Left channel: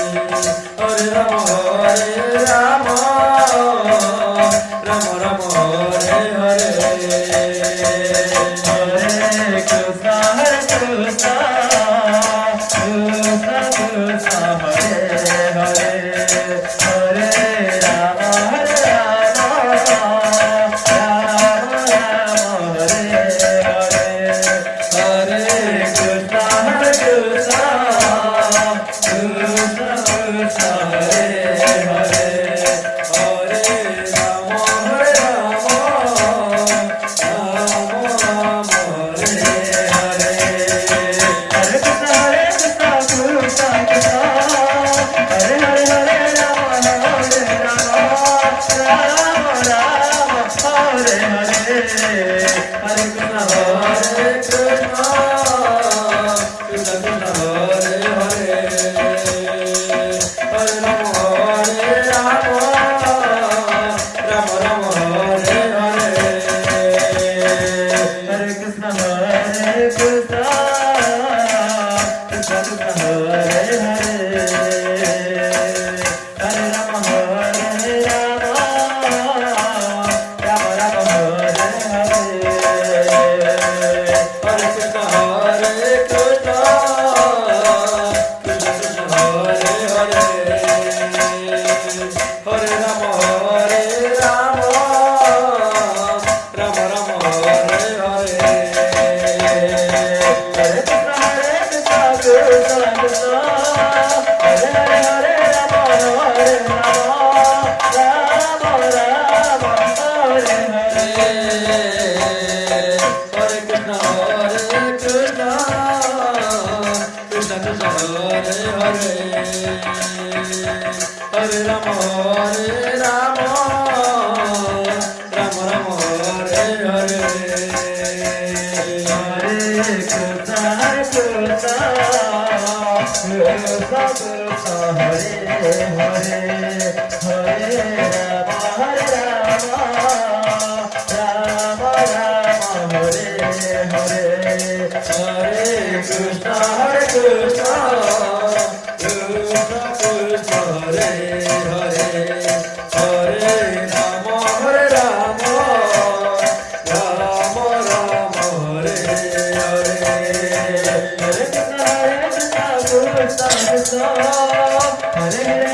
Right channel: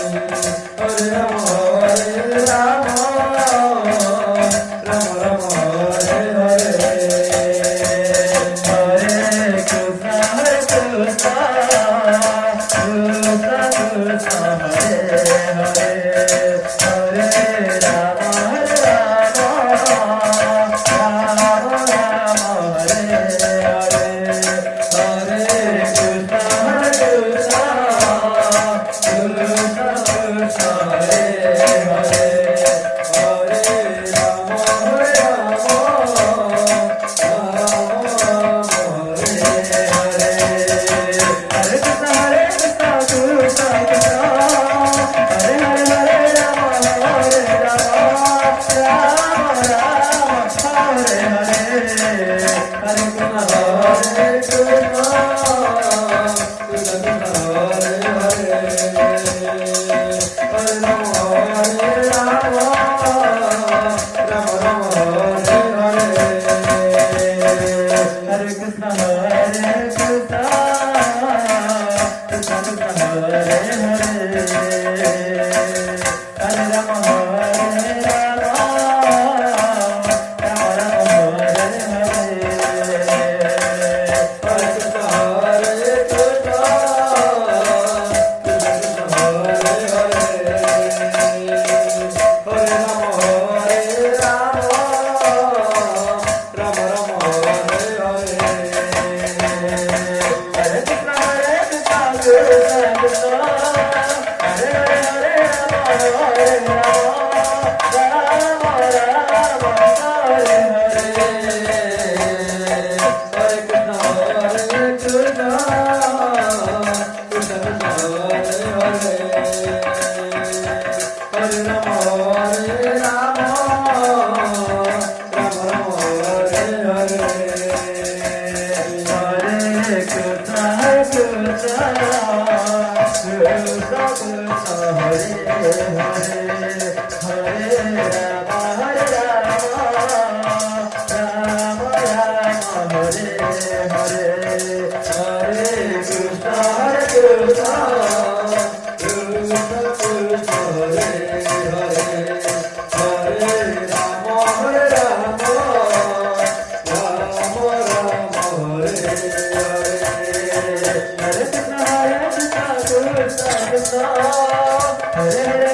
Hare Rama Hare Rama Rama Rama Hare Hare Hare Krishna Krishna Krishna Hare Hare Hare Rama Rama Rama Hare Hare Hare Krishna Krishna Krishna Krishna Hare Hare Hare Rama Hare Rama Rama Rama Hare Hare Hare Krishna Krishna Krishna Hare Hare Hare Rama Rama Rama Hare Hare Hare Krishna Hare Krishna Krishna Krishna Hare Hare Hare Rama Hare Rama Rama Rama Hare Hare Hare Krishna Krishna Krishna Hare Hare Hare Rama Hare Rama Rama Rama Hare Hare Hare Krishna Hare Krishna Krishna Krishna Hare Hare Hare Rama Hare Rama Rama Rama Hare Hare Hare Krishna Krishna Krishna Hare Hare Hare Rama Hare Rama Rama Rama Hare Hare Hare Krishna Hare Krishna Krishna Krishna Hare Hare Hare Rama Hare Rama Rama Rama Hare Hare Hare Krishna Krishna Krishna Krishna Hare Hare Hare Rama Rama Rama Hare Hare Hare Krishna Hare Krishna Krishna Krishna Hare Hare Hare Rama Hare Rama Rama Rama Hare Hare Hare Krishna Krishna Krishna Hare Hare